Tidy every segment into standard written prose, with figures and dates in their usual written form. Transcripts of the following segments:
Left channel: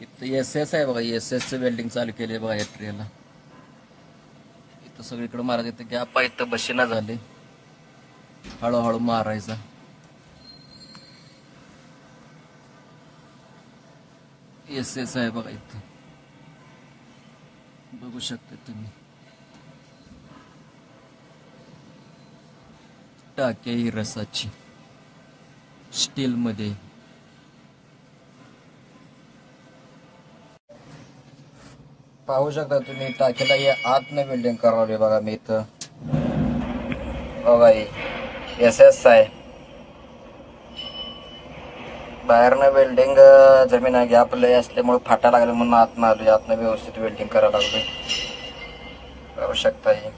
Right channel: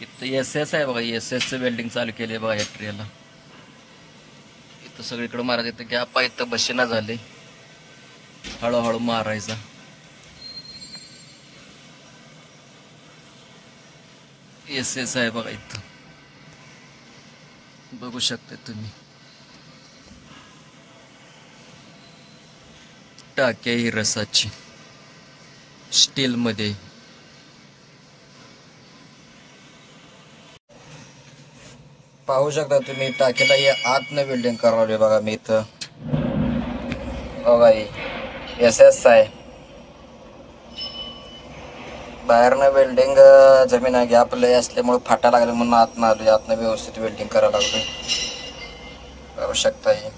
इथं S S आहे बघा, एस एसचं वेल्डिंग चालू केले बघा या ट्रेला. इथं सगळीकडे मारायचं, इथं गॅप आहे, इथं बशीला झाले, हळूहळू मारायचा. एस एस आहे बघा, इथं बघू शकता तुम्ही. टाकी ही रसाची स्टील मध्ये. पाहू शकता तुम्ही टाकीला हे आतनं वेल्डिंग करावले बघा. मी इथं बघा एस एस आहे, बाहेरनं वेल्डिंग जमीन आहे, गॅप लय असल्यामुळे फाटा लागले म्हणून आतनं आलोय. आतनं व्यवस्थित वेल्डिंग करायला लागलोय. पाहू शकता ही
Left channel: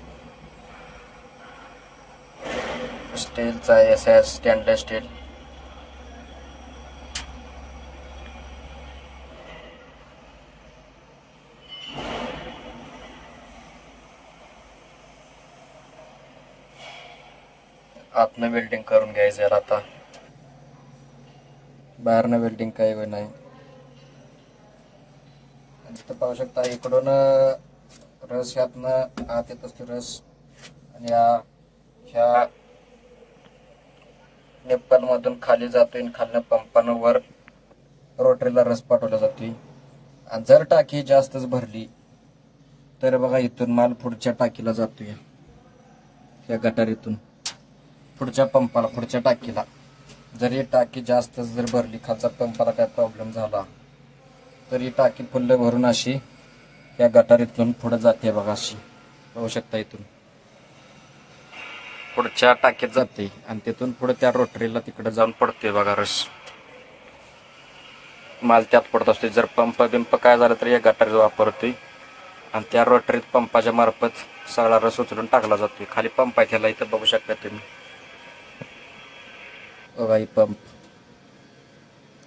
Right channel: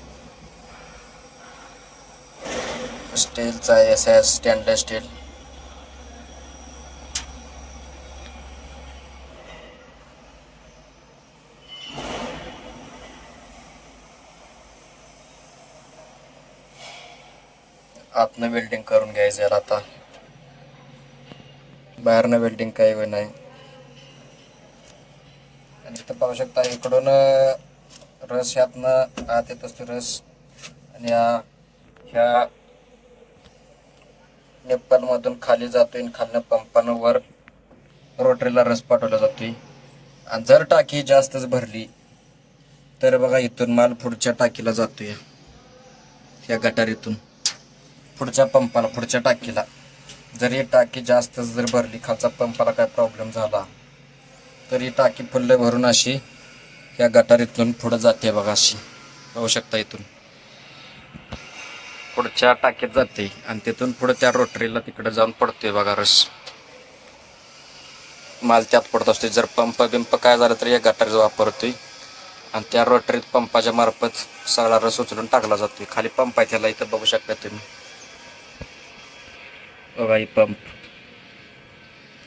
स्टीलचा एस एस, स्टेनलेस स्टील. आतनं वेल्डिंग करून घ्यायचं याला आता, बाहेरनं वेल्डिंग काही नाही. आणि इथं पाहू शकता इकडून रस ह्यातनं आत येत असतो रस, आणि ह्या निप्पल मधून खाली जातोय आणि खालनं पंपानं वर रोटरीला रस पाठवला जातोय. आणि जर टाकी जास्तच भरली तर बघा इथून माल पुढच्या टाकीला जातोय, ह्या गटारीतून पुढच्या पंपाला, पुढच्या टाकीला. जर ही टाकी जास्त जर भरली, खालचा पंपाला काय प्रॉब्लेम झाला तर ही टाकी फुल्ल भरून अशी ह्या गटारीतून पुढे जाते बघा. अशी पाहू शकता इथून पुढच्या टाकीत जाते आणि तिथून पुढे त्या रोटरीला तिकडे जाऊन पडतोय बघा रस. माल त्यात पडत असतो. जर पंप काय झालं तर या गटारीचा वापरतोय आणि त्या रोटरीत पंपाच्या मार्फत सगळा रस उचलून टाकला जातोय. खाली पंप आहे त्याला, इथं बघू शकता तुम्ही बघा. ही पंप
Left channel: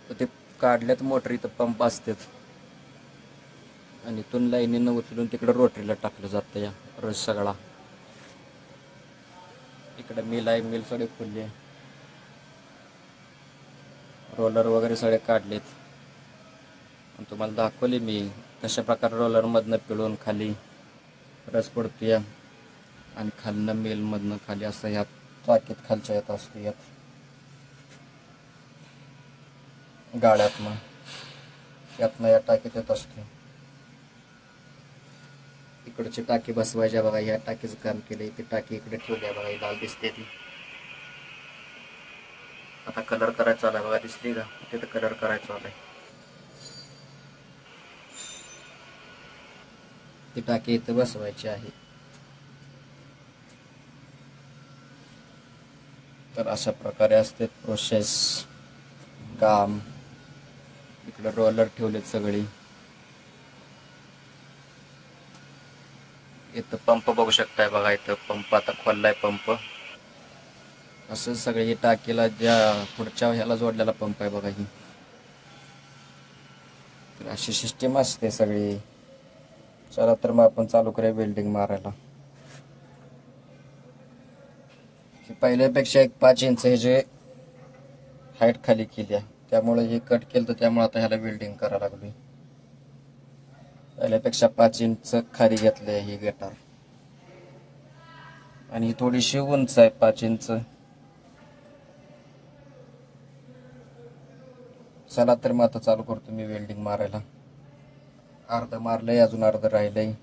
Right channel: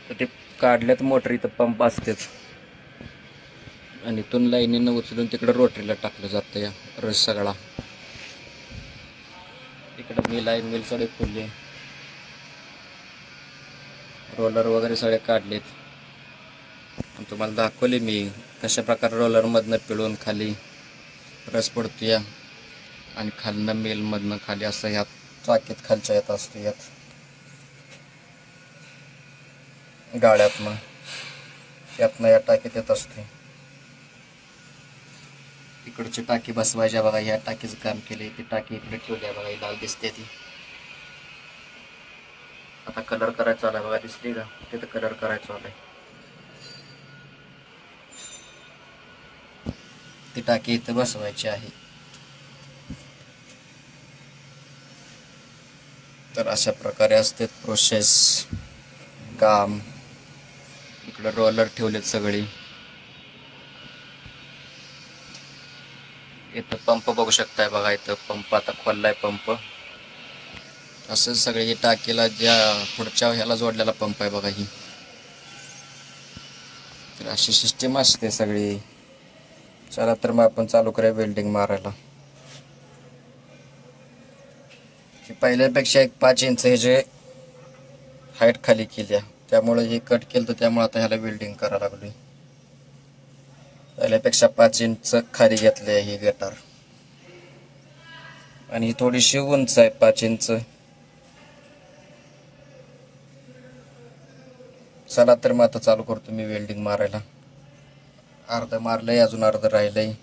तर ते काढल्यात मोटर, इथं पंप असतेच आणि इथून लाईनीनं उचलून तिकडे रोटरीला टाकलं जातं या रस सगळा. इकडं मिल आहे, मिल सगळे खुलले, रोलर वगैरे सगळे काढलेत. तुम्हाला दाखवले मी कशा प्रकारे रोलर मधनं पिळून खाली रस पडतो या, आणि खालनं मिल मधनं खाली असं ह्यात चाकीत खालच्या येत असतो, यात गाड्यातनं यातनं या टाकीत येत असते. इकडची टाकी बसवायच्या बघा. ह्या टाकीचं काम केलंय, ती टाकी इकडे ठेवली आहे बघा. ही लाल दिसते ती. आता कलर करायचा आलाय बघा, दिसते का तिथं कलर करायचा आलाय. ती टाकी इथं बसवायची आहे. तर अशा प्रकारे असते प्रोसेस काम. इकडे रोलर ठेवलेत सगळी. इथं पंप बघू शकताय बघा. इथं पंप आता खोललाय पंप. असं सगळे ही टाकीला ज्या पुढच्या ह्याला जोडलेला पंप आहे बघा ही. तर अशी सिस्टीम असते सगळी. चला तर मग आपण चालू करूया वेल्डिंग मारायला. पहिल्यापेक्षा एक 5 इंच हे जे हाईट खाली केली आहे, त्यामुळे हे कट केलं, तर त्यामुळे आता ह्याला वेल्डिंग करायला लागलोय. पहिल्यापेक्षा 5 इंच खाली घेतली आहे ही गटार, आणि ही थोडीशी उंच आहे 5 इंच. चला तर मग आता चालू करतो मी वेल्डिंग मारायला. अर्ध मारलंय, अजून अर्ध राहिलंय.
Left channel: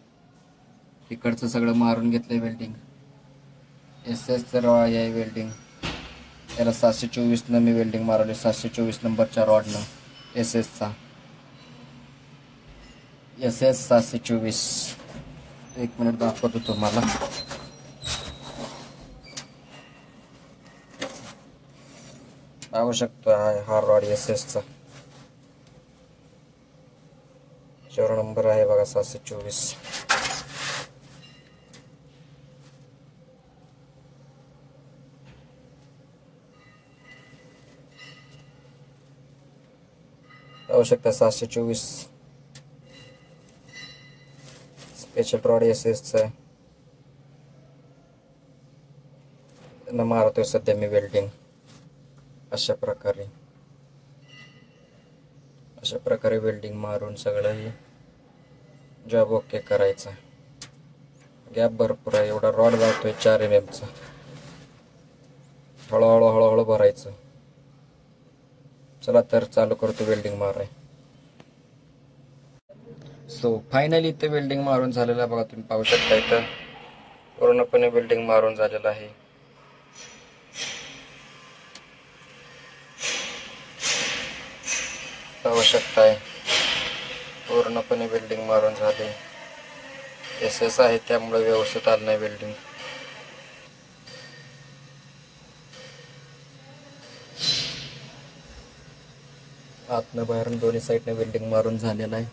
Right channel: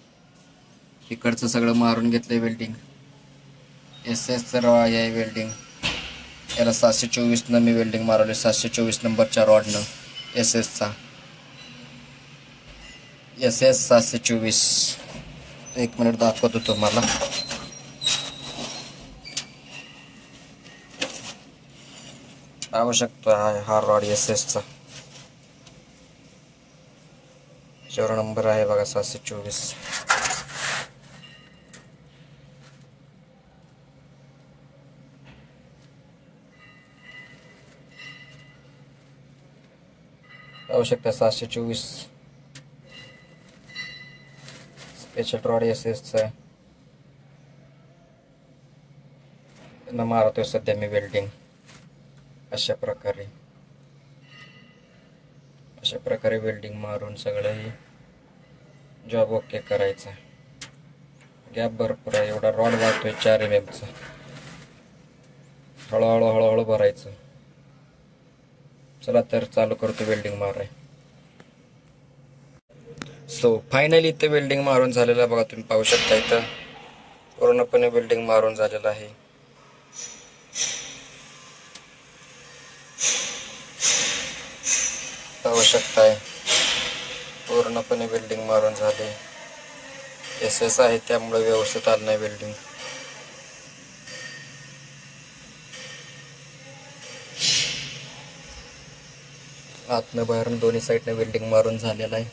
इकडचं सगळं मारून घेतलंय वेल्डिंग. एस एसचं रॉड आहे वेल्डिंग. याला 724 मी वेल्डिंग मारवले, 724 नंबरच्या रॉडनं एस एसचा. S S 724. 1 मिनिट दाखवतो तुम्हाला. पाहू शकतो हा रॉड एस एसचा. शेवट नंबर आहे बघा 724. पाहू शकता 724 स्पेशल रॉड एस एसचा आहे. त्यांना मारतोय सध्या मी वेल्डिंग अशा प्रकारे. अशा प्रकारे वेल्डिंग मारून सगळं जॉब ओके करायचा. गॅप भरपूर आहे, एवढा रॉड लागतोय 4 mm चा. हळूहळू हळूहळू भरायचं. चला तर चालू करतो वेल्डिंग माराय. सो फायनली इथं वेल्डिंग मारून झालेलं आहे बघा, तुम्ही पाहू शकता. इथं पूर्णपणे वेल्डिंग मारून झालेलं आहे. पाहू शकताय पूर्णपणे वेल्डिंग मारून झाले. SS आहे त्यामुळे व्यवस्थित आलं नाही वेल्डिंग. आतनं बाहेरून दोन्ही साईडनं वेल्डिंग मारून झालेलं आहे.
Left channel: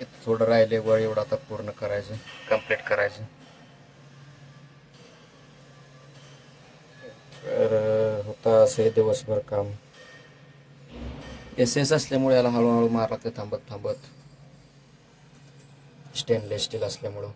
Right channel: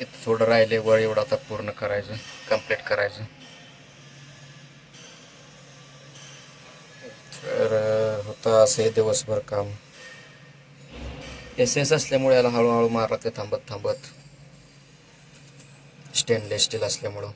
इथं थोडं राहिले वर, एवढं आता पूर्ण करायचं, कंप्लीट करायचं. तर होतं असे दिवसभर काम. SS असल्यामुळे याला हळूहळू मारत थांबत थांबत, स्टेनलेस स्टील असल्यामुळं